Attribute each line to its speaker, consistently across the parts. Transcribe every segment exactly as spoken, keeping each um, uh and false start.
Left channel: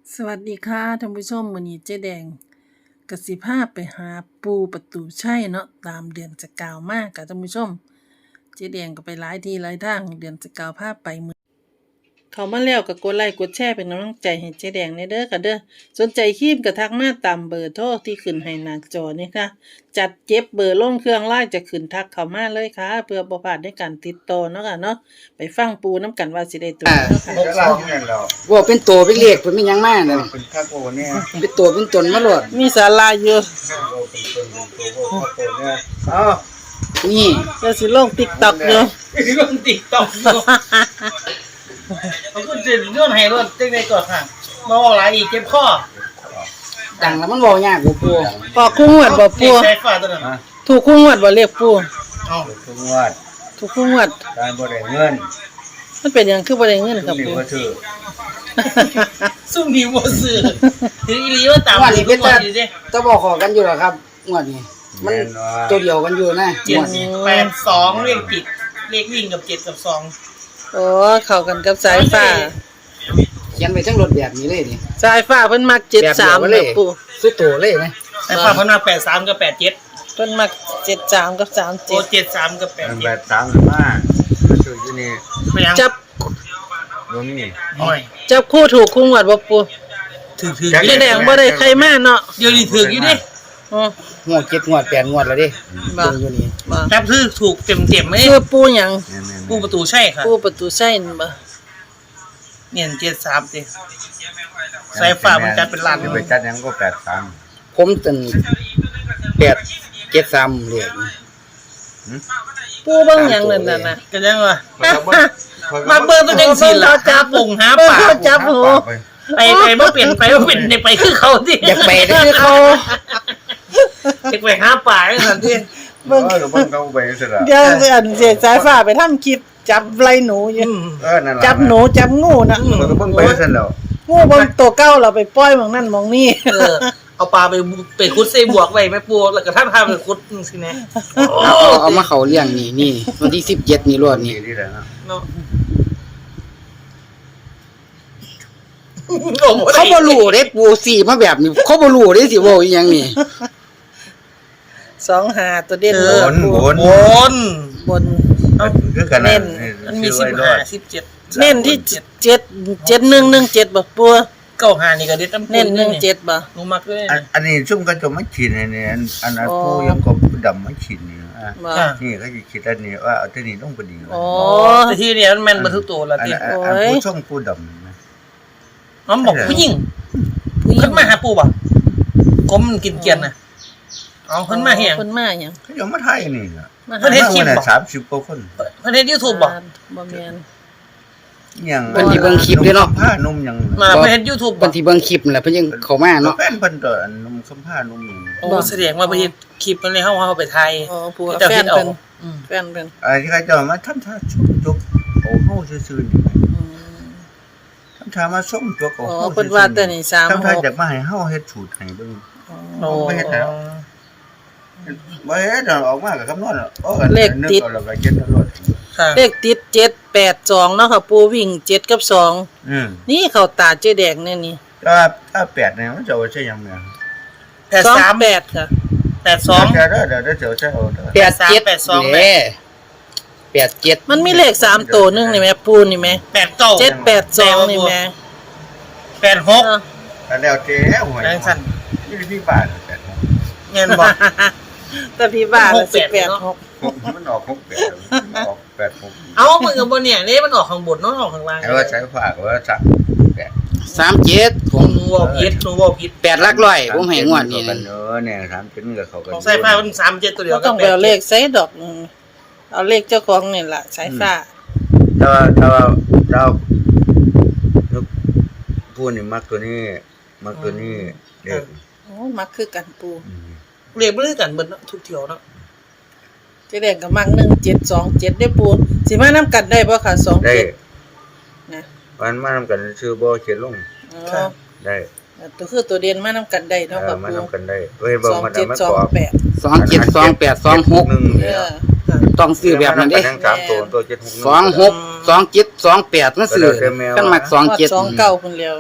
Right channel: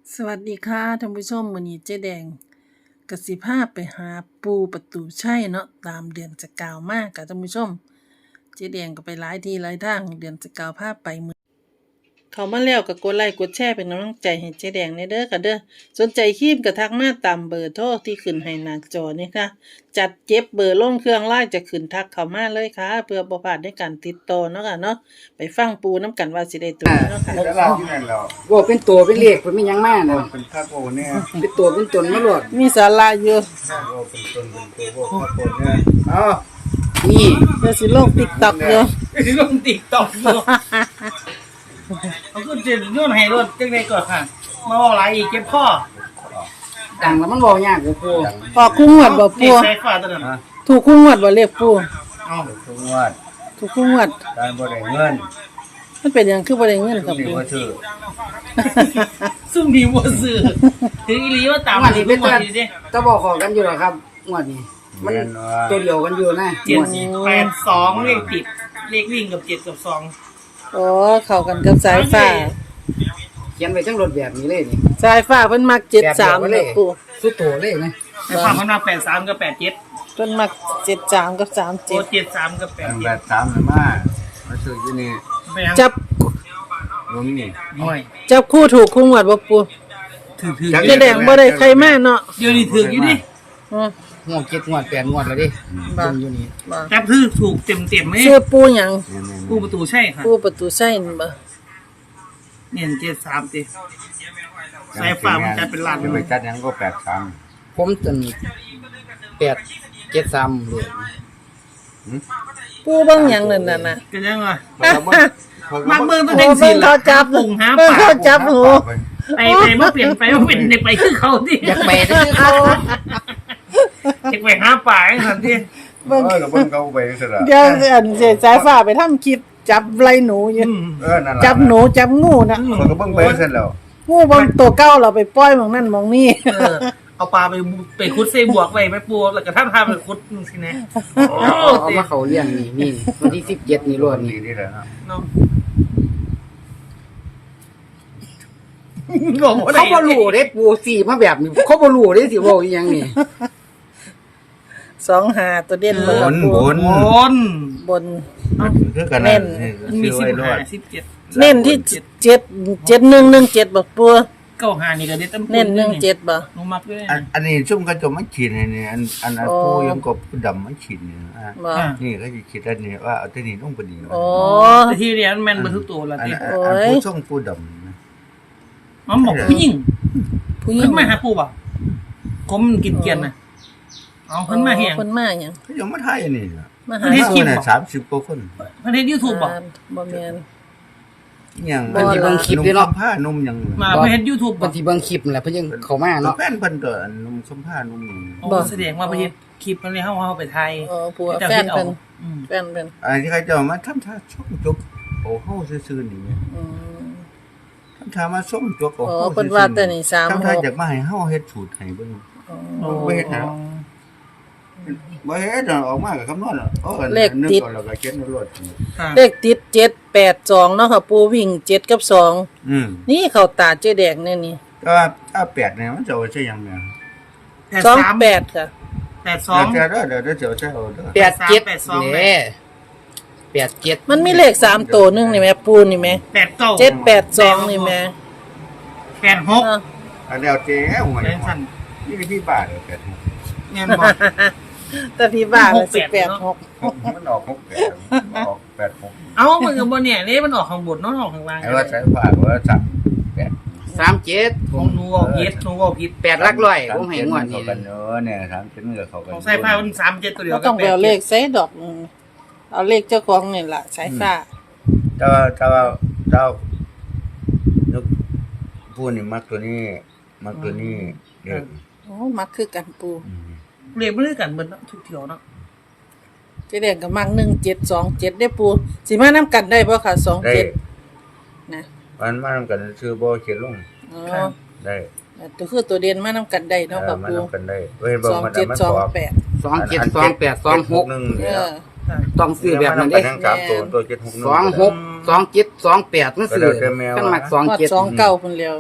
Speaker 1: สวัสดีค่ะท่านผู้ชมมื้อนี้เจ๊แดงก็สิพาไปหาปูประตูชัยเนาะตามเดือนจะกล่าวมาค่ะท่านผู้ชมเจ๊แดงก็ไปหลายที่หลายทางเดือนจะกล่าวพาไปมื้อเข้ามาแล้วก็กดไลค์กดแชร์เป็นกำลังใจให้เจ๊แดงในเด้อค่ะเด้อสนใจครีมก็ทักมาตามเบอร์โทรที่ขึ้นให้หน้าจอนี่ค่ะจัดเก็บเบอร์ลงเครื่องไลน์จะขึ้นทักเข้ามาเลยค่ะเพื่อบ่พลาดในการติดต่อเนาะค่ะเนาะไปฟังปูน้ำกันว่าสิได้ตัวเนาะค่ะ
Speaker 2: ก็เล่าที่นั่นเรา
Speaker 3: ว่าเป็นตัวเป็นเลขเป็นมีหยังมาน่ะ
Speaker 2: เป็นพระโอเนี่ย
Speaker 3: เป็นตัวเป็นตนมาโลด
Speaker 1: มีศาลาอยู่
Speaker 2: เราเป็นตนเป็นตัวพระโอเนี่ยอ้าว
Speaker 3: นี่
Speaker 1: เดี๋ยวสิลง TikTok อยู่
Speaker 4: ที่ลงติ๊กต็อกอยู่เขาก็จะโยนให้รถเจ๊งไปก่อนค่ะมาบอกอะไรอีกเจ็บข้อ
Speaker 3: ดังแล้วมันเว้ายากกว่าปู
Speaker 1: ออกคู่งวดบ่
Speaker 4: เรี
Speaker 1: ปู
Speaker 4: ยกใส่ฟ้าตัวนั้น
Speaker 2: ฮะ
Speaker 1: ถูกคู่งวดบ่เรียกปู
Speaker 4: เอา
Speaker 2: ทุกงวัด
Speaker 1: ถูกคู่งวด
Speaker 2: การบ่ได้เงิน
Speaker 1: มันเป็นหยังคือบ่ได้เงิน
Speaker 2: ทุ
Speaker 1: ครั
Speaker 2: ก
Speaker 1: บ
Speaker 2: นี่
Speaker 1: ปู
Speaker 2: ว่าซื้อ
Speaker 4: ซุ่มดีบ่ซื้อถึงอีหลีว่าตาม
Speaker 3: งวด
Speaker 4: ถึ
Speaker 3: นี้
Speaker 4: ง
Speaker 3: เป็น
Speaker 4: ก่อ
Speaker 3: ตาน
Speaker 4: อยู่ดิ
Speaker 3: ตะบอกขอกันอยู่เหรอครับงวดนี้มัน
Speaker 2: แม่นว่า
Speaker 3: ตัวเดียวกันอยู่นะ
Speaker 4: เจ็ดแปดสองเลขติดเลขวิ่งกับเจ็ดกับสอง
Speaker 1: โอ้เข้ากันกับสายฟ้า
Speaker 3: เขียนไปทั้งรถแบบนี้เลยนี่
Speaker 1: สายฟ้าเพิ่นมักเจ็ดสาม
Speaker 3: แบบเดี
Speaker 1: เด้
Speaker 3: ยว
Speaker 1: อ
Speaker 3: กันเลย
Speaker 1: ปู
Speaker 3: ซื้อตัวเลยนะ
Speaker 4: แต่ฝั่งมันมาแปดสามกับแปดเจ็ด
Speaker 1: เพิ่นมักเจ็ดสามกับสาม
Speaker 4: โอ้
Speaker 1: เจ็ด
Speaker 4: เจ็ดสามกับแปด
Speaker 2: อัน
Speaker 4: เจ็
Speaker 2: แบ
Speaker 4: ด
Speaker 2: บตามมามาซื้ออยู่นี่
Speaker 4: ไม่ยัง
Speaker 1: จับ
Speaker 2: บ่มี
Speaker 4: หน่อย
Speaker 1: จับคู่ถูกคู่งวดบ่ปู
Speaker 4: ถือถือ
Speaker 1: เจ๊แดงบ่ได้ใครมาเนาะ
Speaker 4: เดี๋ยวนี้ถืออยู่ดิ
Speaker 1: อือง
Speaker 3: วดเจ็ดงวดแปดงวดแล้วดิ
Speaker 1: บ่
Speaker 3: เบิ่งอยู่นี่
Speaker 1: บ่
Speaker 4: แป๊บถือถูกเต็มเต็มๆไหม
Speaker 1: ชื่อปูหยัง
Speaker 2: แม่นๆ
Speaker 4: ผู้ประตูใช่ค่ะ
Speaker 1: ปูประตูชัยนั่นบ่
Speaker 4: เนี่ยเจ็ดสามติสายฟ้ามันจัดเป็นล้าน
Speaker 2: จะไปจัดหยังก็แปดสาม
Speaker 3: ผมตันแปดเจ็ดสามเลข
Speaker 1: ปูเบิ่งหยังนั่นน่ะนะ
Speaker 4: ก็ยังว่า
Speaker 2: เขาก็บ่เขาก็
Speaker 4: มา
Speaker 2: บ่
Speaker 4: เบิ่งตัว
Speaker 1: โอ้
Speaker 4: เองสิ
Speaker 1: เบิ่งเขาจับ
Speaker 4: ปุ่งหา
Speaker 1: เบิ่ง
Speaker 4: ปา
Speaker 1: เขาจับหู
Speaker 4: ไปไปบ่เปลี่ยนไปบ่เปลี่ยนได้ไปคือเขาที่
Speaker 3: อยากไปได้คือเขา
Speaker 4: อยากไปหาป่าจังซั่นติ
Speaker 1: เบิ่ง
Speaker 2: เออก็เบิ่งเขาไปซะละ
Speaker 1: เดี๋ยวอันเสียสายฟ้าไปทำคลิปจับไล่หนูอยู่
Speaker 2: เออนั่นล่ะ
Speaker 1: จับหนูจับงูนะ
Speaker 2: เขาก็เบิ่งไปซะแล้ว
Speaker 1: งูบางตัวเก้าเราไปปล่อยหมองนั่นหมองนี่
Speaker 4: เออเอาปลาไปไปขุดใส่บวกไว้แม่ปูแล้วก็ท่านพาไปขุดจังซี่แน่โอ้
Speaker 3: เอามาเขาเลี้ยงนี่นี่วันที่สิบเจ็ดนี่รวด
Speaker 2: นี่
Speaker 3: นี่
Speaker 2: นี่แหละเนาะ
Speaker 4: เนาะงงบ่ได้
Speaker 3: เขาบ่รู้เด้ปูสี่มาแบบนี้เขาบ่รู้เด้สิว่าอีหยังนี่
Speaker 1: สองหาตัวเด่น
Speaker 2: บ
Speaker 1: เลย
Speaker 2: นบน
Speaker 4: บน
Speaker 1: บน
Speaker 2: คือกัน
Speaker 1: เน้น
Speaker 4: มันมี
Speaker 2: ซื้อ
Speaker 4: สิ
Speaker 2: ไว้
Speaker 4: บ
Speaker 2: รอ
Speaker 4: ห้า
Speaker 2: ด
Speaker 4: สิบเจ็ด
Speaker 1: เน้นที่เจ็ดเจ็ดหนึ่งหนึ่งเจ็ดบ่ปัว
Speaker 4: เก้าห้านี่ก็เด็ดน้ำ
Speaker 1: เน้นหนึ่งเจ็ดบ่
Speaker 4: หนูมักเลย
Speaker 2: อันอันนี้ซุ่มก็จะมาฉีดเนี่ยอันอันอัน
Speaker 1: อ๋อ
Speaker 2: ผู้ยังก็ดำมาฉีดนี่อ่ะ
Speaker 1: บ่
Speaker 2: นี่ก็จะฉีดอันนี้ว่าเอาตัวนี้ลงพอดี
Speaker 1: โอ้
Speaker 4: แต่ที่เดียวมันแม่นเบ่ทุกตัวแล้ว
Speaker 2: อัน
Speaker 4: ติ
Speaker 2: อัน
Speaker 1: โอ้
Speaker 2: อัน
Speaker 1: ย
Speaker 2: ผู้ส่งผู้ดำนะ
Speaker 4: น้องบอกผู้หญิง
Speaker 1: ผู้หญิ
Speaker 4: เพิ่
Speaker 1: ง
Speaker 4: นมาหาปู่บ่กลมกินเกียนน่ะเอาเพิ่นมาเฮียง
Speaker 1: เพิ่นมาหยัง
Speaker 2: เขายังมาไทยนี่นะ
Speaker 1: มา
Speaker 4: เพิ่
Speaker 1: หาน
Speaker 4: เฮ็ดคลิป
Speaker 2: น่ะ
Speaker 4: บ่
Speaker 2: สามสิบกว่าคน
Speaker 4: เพิ่นเฮ็ด YouTube บ่
Speaker 1: บ่แม่น
Speaker 2: ยัง
Speaker 3: เพิ่นสิเบิ่งคลิปเด้อเนาะ
Speaker 2: ผ้านุ่มยัง
Speaker 4: มาเพิ่นเฮ็ด YouTube
Speaker 3: เพิ่นสิเบิ่งคลิปนั่นแหละเพิ่นยังเข้ามาเนาะ
Speaker 2: แฟนเพิ่นตัวอันนุ่มสัมผ้านุ่มยัง
Speaker 4: โอ้แสดงว่าเพิ่นเฮ็ดคลิปมันเลยเฮาเฮาไปไทย
Speaker 1: อ๋อปัวแฟนเพิ่น
Speaker 4: อืม
Speaker 1: แฟนเพิ่น
Speaker 2: อันที่เขาจะมาทำท่าชมจกโอ้เฮาซื่อๆนี่
Speaker 1: อืม
Speaker 2: ทำท่ามาส้มจกโอ้
Speaker 1: อ๋อ
Speaker 2: เฮา
Speaker 1: เพิ่นว่าแต่นี่สาม
Speaker 2: ทำท่า
Speaker 1: หก
Speaker 2: จากมาให้เฮาเฮ็ดสูตรให้เบิ่ง
Speaker 1: อ๋อ
Speaker 4: โอ้
Speaker 2: ไม่เฮ็ดแล้ว บ่เฮ็ดออกมาก็คำนวณเอาเอาอัน
Speaker 1: เลขติด
Speaker 2: นึกเอาแล้วก็เจ็ดเอารถ
Speaker 4: ค่ะ
Speaker 1: เลขติดเจ็ดแปดสองเนาะค่ะปูวิ่งเจ็ดกับสอง
Speaker 2: อืม
Speaker 1: นี่เข้าตาเจ๊แดงเนี่ยนี่
Speaker 2: แต่ว่าถ้าแปดเนี่ยมันจะเอาใช่ยังไง
Speaker 1: สอง
Speaker 4: แปดสาม
Speaker 1: แปดค่ะ
Speaker 4: แปดสอง
Speaker 2: เดี๋ยวเดี๋ยวเดี๋ยวเดี๋ยวจะเอาใช่เอาเด้อ
Speaker 3: แปดเจ็ด
Speaker 4: แปดสอง
Speaker 3: เด้แปดเจ็ด
Speaker 1: มันมีเลขสามตัวหนึงนี่แม่ปูนี่แม่
Speaker 4: แปดเก้า
Speaker 1: เจ็ดแปดสองนี่แม่
Speaker 4: แปดหก
Speaker 1: เนาะ
Speaker 2: อันเดียวเจ๊หวย
Speaker 4: แรงสั่น
Speaker 2: นี่พี่บ้านเลยแปดหก
Speaker 4: เงินบ่
Speaker 1: แต่พี่บ้าละสิบแปดหก
Speaker 2: มันออกหกแปดมันออกแปดหก
Speaker 4: เอ้ามึงกับบนเนี่ยนี่มันออกข้างบนเนาะออกข้างล่าง
Speaker 2: ไอ้ว่าใช้ผ้าก็ว่าจับแปด
Speaker 3: สามเจ็ดผม
Speaker 4: หนูบอกผิดหนูบอกผิด
Speaker 3: แปดหลักร้อยผมให้งวดนี้
Speaker 2: กั
Speaker 3: นะ
Speaker 2: นเนอะเนี่ยสามเจ็ดกับเขากัน
Speaker 4: ของสายฟ้ามันสามเจ็ดตัวเดียว
Speaker 1: ก็ต้องไปเอาเลขใส่ดอกหนึงเอาเลขเจ้าของนี่ล่ะสายฟ้า
Speaker 2: ถ้าว่าถ้าว่าเราพูดนี่มักตัวนี้มักตัวนี้เด็ก
Speaker 1: โอ้มักคือกันปู
Speaker 4: เรียกเรื่อยกันเบิดเนาะทุกเที่ยวเนาะ
Speaker 1: เจ๊แดงก็มักหนึ่งเจ็ดสองเจ็ดได้ปูสิมานํกันได้บ่ค่ะสอง
Speaker 2: ได้
Speaker 1: เจ็ดนะ
Speaker 2: วันมาทำกันชื่อบ่เขียนลง
Speaker 1: อ๋อ
Speaker 2: ได้
Speaker 1: ตัวคือตัวเด่นมานํกันได้เนาะ
Speaker 2: เอ
Speaker 1: ค่ะ
Speaker 2: อมา
Speaker 1: ปู
Speaker 2: ทำกันได้เว้ยบ่
Speaker 1: สอง
Speaker 2: มา
Speaker 1: เจ็ด
Speaker 2: ทำมัน
Speaker 1: สอง
Speaker 2: บอก
Speaker 1: แปด
Speaker 3: สองเจ็ดสองแปดสองหก
Speaker 2: หนึ่ง
Speaker 1: เอ
Speaker 2: เนี่ย
Speaker 1: อ
Speaker 3: ต้องซื้อแบบนั้น
Speaker 2: เด้
Speaker 3: เด้
Speaker 2: ทั้งสามตัวตัวเจ็ดหกหนึ่ง
Speaker 3: สองหกสองเจ็ดสองแปดมันซื้อกันมักสอง
Speaker 1: ฮอด
Speaker 3: เจ็ด
Speaker 1: สองเก้าพุ่นแล้ว
Speaker 3: อ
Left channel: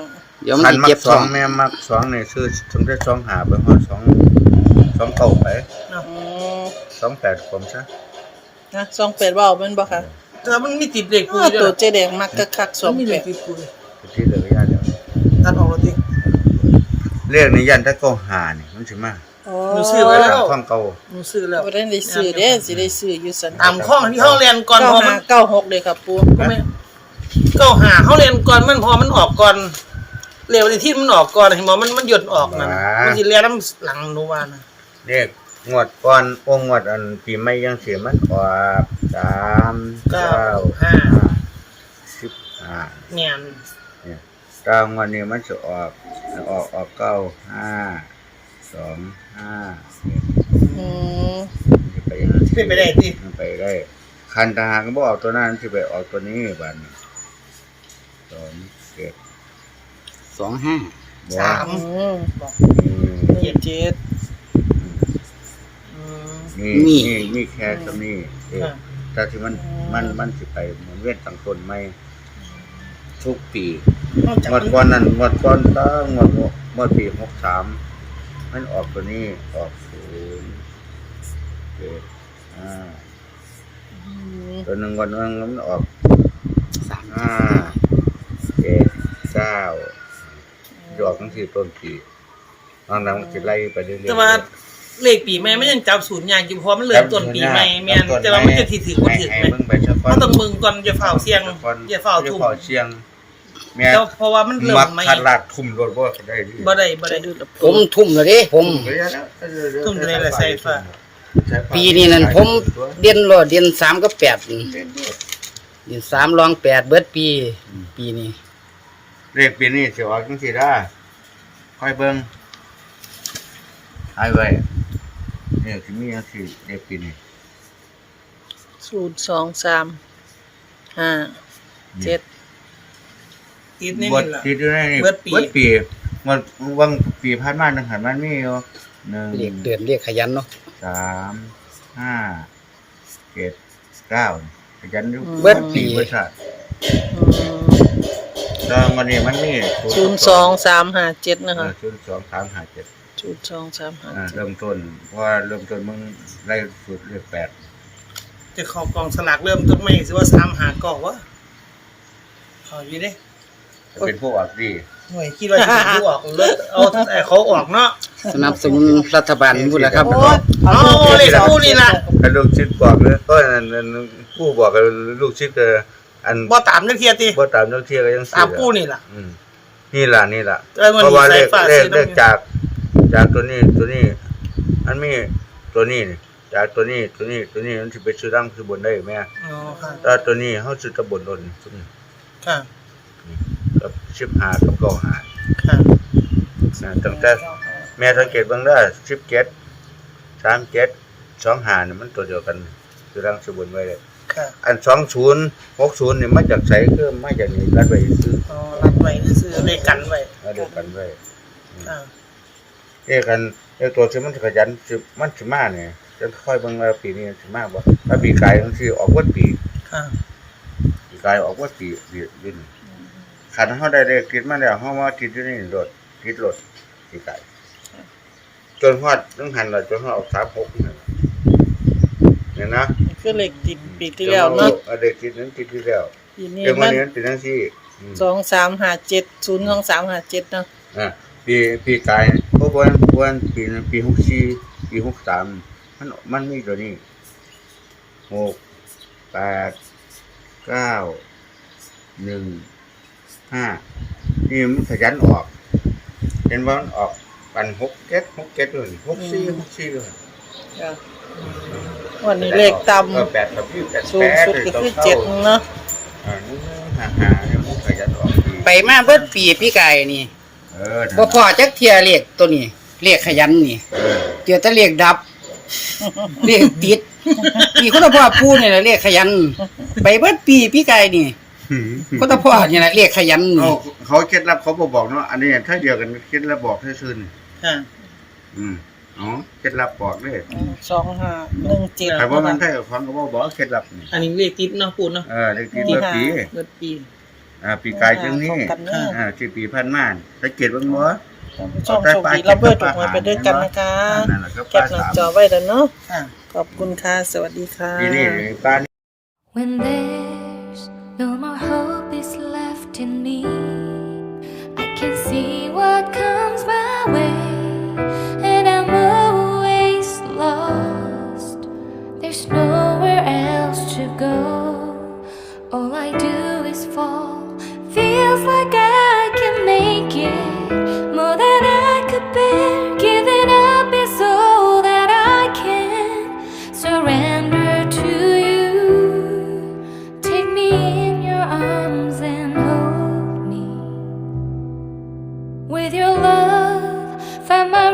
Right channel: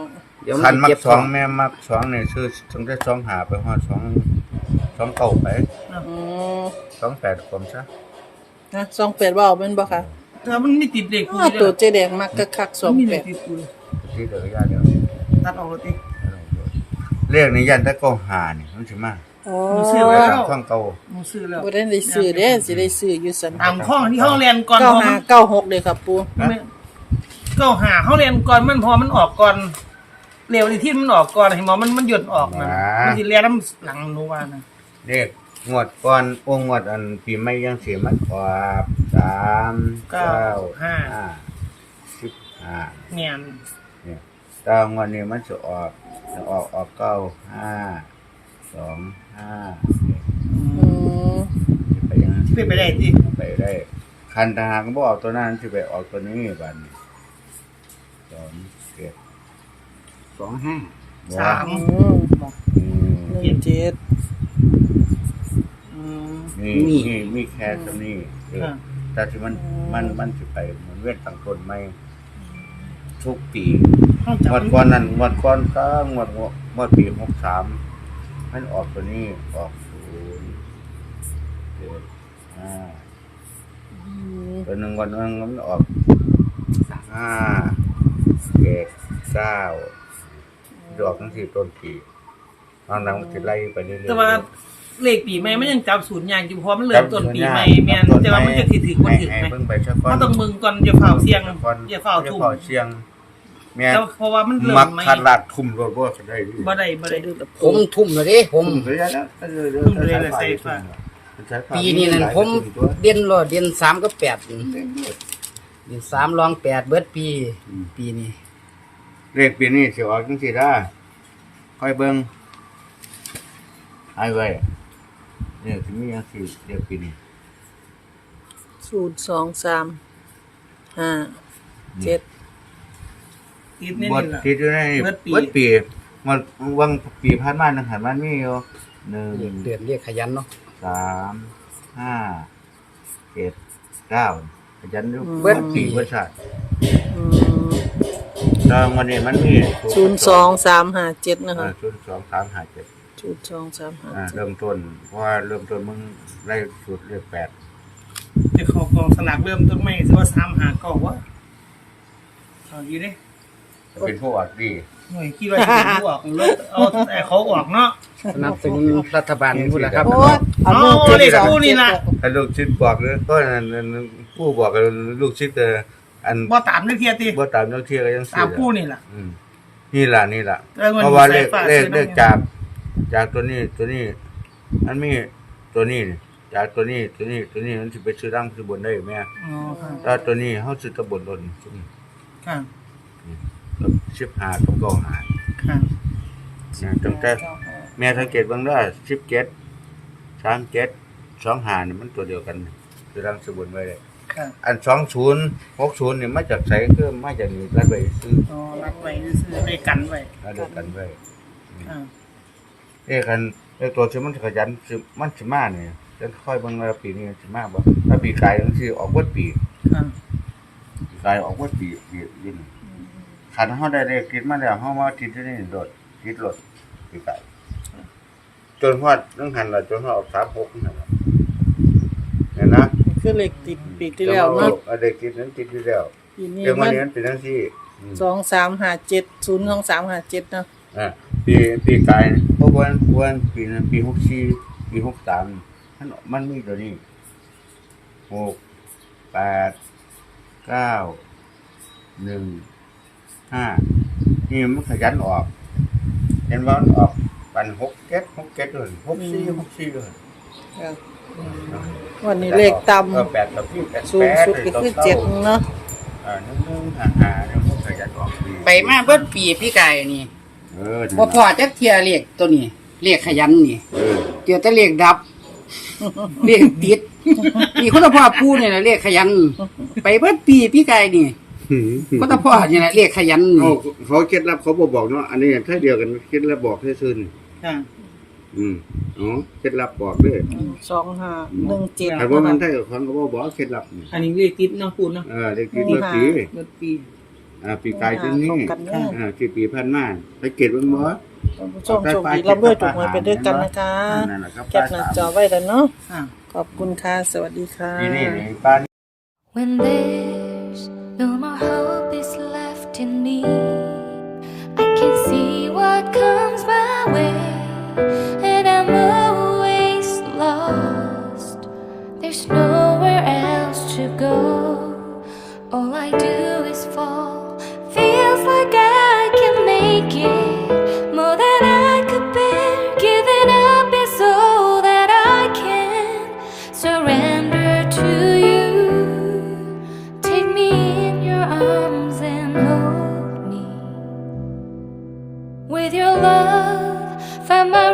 Speaker 3: ดี๋ยวมั
Speaker 2: คัน
Speaker 3: น
Speaker 2: มั
Speaker 3: เจ็
Speaker 2: ก
Speaker 3: บ
Speaker 2: สองแม่มักสองนี่ซื้อถึงได้สองหาไปฮอดสองสองเก่าไป
Speaker 1: อืม
Speaker 2: สองแปดผมซะ
Speaker 1: นะสองแปดเว้าแม่นบ่ค่ะ
Speaker 4: แต่มันไม่ติดเลข
Speaker 1: อ้
Speaker 4: คุ
Speaker 1: อย
Speaker 4: ด้
Speaker 1: ตัว
Speaker 4: วย
Speaker 1: เจ๊แดงมักคักๆสอง
Speaker 4: มี
Speaker 1: แป
Speaker 4: เล
Speaker 1: ด
Speaker 4: ขติดคุย
Speaker 2: ที่เหลือยาเดียว
Speaker 4: ตัดออกแล้วติ
Speaker 2: เลขนี้ยันแต่เก่าหานี่มันสิมา
Speaker 1: อ๋อ
Speaker 4: หนูซื้อ
Speaker 2: ไป
Speaker 4: ไว้
Speaker 2: ตามความเก่า
Speaker 4: หนูซื้อแล้ว
Speaker 1: บ่ได้ได้ซื้อเด้สิได้ซื้ออยู่ซั่น
Speaker 4: ตามข้องที่เฮาเรียนก่อน
Speaker 1: เก้า
Speaker 4: พอ
Speaker 1: ห้า
Speaker 4: มัน
Speaker 1: เก้าหกเลยครับปู
Speaker 4: เก้าหาเฮาเรียนก่อนมันพอมันออกก่อนเร็วที่มันออกก่อนให้หมอมันมันหยุดออกนะมันสิเรียนน้ำหลังหนูว่านะ
Speaker 2: เลขงวดก่อนโอ้งวดอันปีใหม่ยังเสียมันออกสามเก้าห้าสิบห้า
Speaker 4: เนี่ย
Speaker 2: เนี่ยตามวันนี้มันจะออกออกออกเก้าห้าสองห้า
Speaker 1: อืม
Speaker 2: จะไปยังนั้น
Speaker 4: เป็นไปได้ติ
Speaker 2: ไปได้คันทหารก็บอกออกตัวนั้นจะไปออกตัวนี้บัดนสองเจ็ด
Speaker 3: สองห้า
Speaker 2: บัว
Speaker 4: สาม
Speaker 1: อืม
Speaker 2: อืม
Speaker 1: หนึ่งเจ็ดอืม
Speaker 2: นี่นี่มีแค่ตัวนี้เองแต่ที่มันมันมันจะไปเหมือนเว้นต่างต้นไม่ทุกปี
Speaker 4: นอกจาก
Speaker 2: งวด
Speaker 4: มัน
Speaker 2: ก่อนนั้นงวดก่อนก็งวดงวดงวดปีหกสามมันออกตัวนี้ออกศูนย์เจ็ดห้า
Speaker 1: อืม
Speaker 2: ตัวหนึ่งวันนึงมันออกห้าเจ็ดเก้าจะออกทั้งสี่ต้นปีตอนนั้นมันจะไล่ไปเรื่อยๆ
Speaker 4: แต่ว่าเลขปีใหม่มันยังจับศูนย์อย่างอยู่เพราะมันเริ่มต้นปีใหม่แม่นแต่ว่ามันจะถือๆบ่ถือ
Speaker 2: ให้
Speaker 4: ไหม
Speaker 2: เบิ่งไปสักก่อน
Speaker 4: ก็ต้องมึงก่อนอย่าเฝ้าเสียงอย่าเฝ้า
Speaker 2: อย่า
Speaker 4: ทุ่ม
Speaker 2: เฝ้าเสียงแม่
Speaker 4: แต่เพราะว่ามันเริ่
Speaker 2: มั
Speaker 4: ม
Speaker 2: ก
Speaker 4: ใหม่
Speaker 2: คัดลาดทุ่มรถบ่ได้ดิ
Speaker 4: บ่ได้บ่
Speaker 1: จะ
Speaker 4: ได้
Speaker 1: ดูละ
Speaker 3: ผมทุ่มแล้วเด้ผม
Speaker 2: ทุ่มก็ยังนะ
Speaker 4: ทุ่มเลยแหละใส่ฟ้า
Speaker 3: ปีนี้นั่นผมเรียนรอเรียนสามกับแปดเรียนสามรองแปดเบิดปี ปีนี้
Speaker 2: เลขปีนี้สิออกจังซี่ได้ค่อยเบิ่งให้ไว้เนี่ยสิมีจังซี่เลขปีนี้
Speaker 1: ศูนย์สองสามห้าเจ็ด
Speaker 4: ติดนี่
Speaker 2: บ
Speaker 4: นี่
Speaker 2: ท
Speaker 4: ล่ะ
Speaker 2: ที่อยู่ในนี่
Speaker 4: เบิดปี
Speaker 2: เบิดปีมันวังปีผ่านมานึงหันมันมีอยู่หนึ่ง
Speaker 3: เรียกเดือนเรียกขยันเนาะ
Speaker 2: สามห้าเจ็ดเก้าขยันอยู่
Speaker 3: เบิดปี
Speaker 2: เบิดชาติ
Speaker 1: อืม
Speaker 2: ตอนวันนี้มันมี
Speaker 1: ศูนย์สองสามห้าเจ็ดนะคะ
Speaker 2: ศูนย์สองสามห้าเจ็ด
Speaker 1: ศูนย์สองสามห้า
Speaker 2: อ่า
Speaker 1: เจ็ด
Speaker 2: เริ่มต้นเพราะว่าเริ่มต้นมึงไล่สุดเลขแปด
Speaker 4: จะเข้ากองสลากเริ่มต้นใหม่สิว่าสามหาก่อวะเอาอยู่เด้
Speaker 2: จะเป็นพวกออกดี
Speaker 4: หน่วยคิดว่าสิเป็นผู้ออกรถเอาแต่เขาออกเนาะ
Speaker 3: สนับสนุนรัฐบาลพูดแล้วครับ
Speaker 1: โอ้ยเอาลูก
Speaker 4: เอา
Speaker 1: เจ็ด
Speaker 4: เลข
Speaker 1: สอง
Speaker 4: คู่นี่
Speaker 1: เจ็ด
Speaker 4: ล่ะ
Speaker 2: ถ้าลูกชิดบอกเลยก็อันนั้นผู้บอกกับลูกชิดก็อัน
Speaker 4: บ่ตามเรื่องเทียติ
Speaker 2: บ่ตามนักเที่ยวก็ยัง
Speaker 4: ตาม
Speaker 2: เสีย
Speaker 4: กู้นี่ล่ะ
Speaker 2: อืมนี่ล่ะนี่ล่ะ
Speaker 4: แล้วมัน
Speaker 2: เพราะว่าเลข
Speaker 4: มีสายฟ้า
Speaker 2: เลข
Speaker 4: สีน้ำเงิน
Speaker 2: เลขจากจากตัวนี้ตัวนี้มันมีตัวนี้นี่จากตัวนี้ตัวนี้ตัวนี้มันสิไปซื้อร่างซื้อบนได้แม่
Speaker 4: อ๋อค่ะ
Speaker 2: ถ้าตัวนี้เฮาซื้อตะบนลนซุ่ม
Speaker 4: ค่ะ
Speaker 2: กับสิบห้ากับเก้าห้า
Speaker 4: ค่ะ
Speaker 2: นะตั้งแต่แม่สังเกตเบิ่งเด้อสิบเจ็ด สามเจ็ด สองห้านี่มันตัวเดียวกันซื้อร่างซื้อบนไว้เลย
Speaker 4: ค่ะ
Speaker 2: อันสองศูนย์ หกศูนย์นี่มาจากไสคือมาจากนี่รัดไว้ซื้อ
Speaker 4: อ๋อรับไว้ซื้อเลขกันไว้
Speaker 2: รัดเดียวกันไว้
Speaker 4: อ่า
Speaker 2: เอ้กันเอ้ตัวที่มันขยันสิมันสิมาเนี่ยจะค่อยเบิ่งว่าปีนี้สิมาบ่ถ้าปีกายมันสิออกวัดปี
Speaker 4: ค่ะ
Speaker 2: ปีกายออกวัดปีปีอยู่นี่คันเฮาได้เลขติดมาแล้วเฮามาติดอยู่นี่โดดติดรถปีกายจนฮอดนึงหันแล้วจนฮอดออกสามหกนี่นั่นล่ะเนี่ยนะ
Speaker 1: คือเลขติดปีที่แล้วเนาะ
Speaker 2: เอาเลขติดนั้นติดที่แล้ว
Speaker 1: ปีนี้
Speaker 2: เดี๋ยว
Speaker 1: มั
Speaker 2: มัน
Speaker 1: น
Speaker 2: นี้มันเป็นจังซี่อืม
Speaker 1: สองสามห้าเจ็ดศูนย์สองสามห้าเจ็ดเนาะ
Speaker 2: อ่าปีปีกายบ่บ่นบ่นปีนั้นปีหกสี่ปีหกสามมันมันมีตัวนี้หก แปด เก้า หนึ่ง ห้านี่มันขยันออกเห็นว่ามันออกปันหกเจ็ดหกเจ็ดเลยหกสี่หกสี่เลย
Speaker 1: จ้ะวันนี้เลขต่
Speaker 2: เออแปดกับพี่แปด
Speaker 1: ำสูงสุดก็คือเจ็ดเนาะ
Speaker 2: อ่าหนึ่งหนึ่งห้าห้าเนี่ยมันขยันออกดี
Speaker 3: ไปมาเบิดปีพี่ไก่นี่
Speaker 2: เออ
Speaker 3: บ่พอจักเทียเรียกตัวนี้เรียกขยันนี่
Speaker 2: เออ
Speaker 3: เดี๋ยวจะเรียกดับ เรียกติดนี่คนละพ่อพูดนี่แหละเรียกขยัน ไปเบิดปีพี่ไก่นี่คนละพ่อนี่แหละเรียกขยันนี่
Speaker 2: เอาเขาเคล็ดลับเขาบอกบอกเนาะอันนี้ถ้าเดียวกันเคล็ดลับบอกซื่อๆนี่
Speaker 4: ค่ะ
Speaker 2: อืมอ๋อเคล็ดลับบอกด้วย
Speaker 1: สองห้าหนึ่งเจ็ด
Speaker 2: แต่ว่ามันถ้ากับฟังก็บอกบอกเคล็ดลับนี่
Speaker 4: อันนี้เลขติดเนาะปูนเนาะ
Speaker 2: เออเด็กที่เมื่อปี
Speaker 4: เบิดปี
Speaker 2: อ่าปีกายจังนี้
Speaker 1: เข้ากันเด้อ
Speaker 2: อ่าที่ปีพันม่านสังเกตเบิ่งบ่
Speaker 1: ท่านผู้ชมโชคดีรับเบอร์ถูกหวยไปด้วยกันนะคะ
Speaker 2: นั่นแหละครับ
Speaker 1: แคปหน้าจอไว้แล้วเนาะ
Speaker 4: อ่า
Speaker 1: ขอบคุณค่ะ สวัสดีค่ะ
Speaker 2: นี่นี่ป้า
Speaker 5: When there's no more hope is left in me, I can see what comes my way, and I'm always lost. There's nowhere else to go. All I do is fall. Feels like I can make it more than I could bear. Giving up is all that I can surrender to you.Take me in your arms and hold me. With your love, find my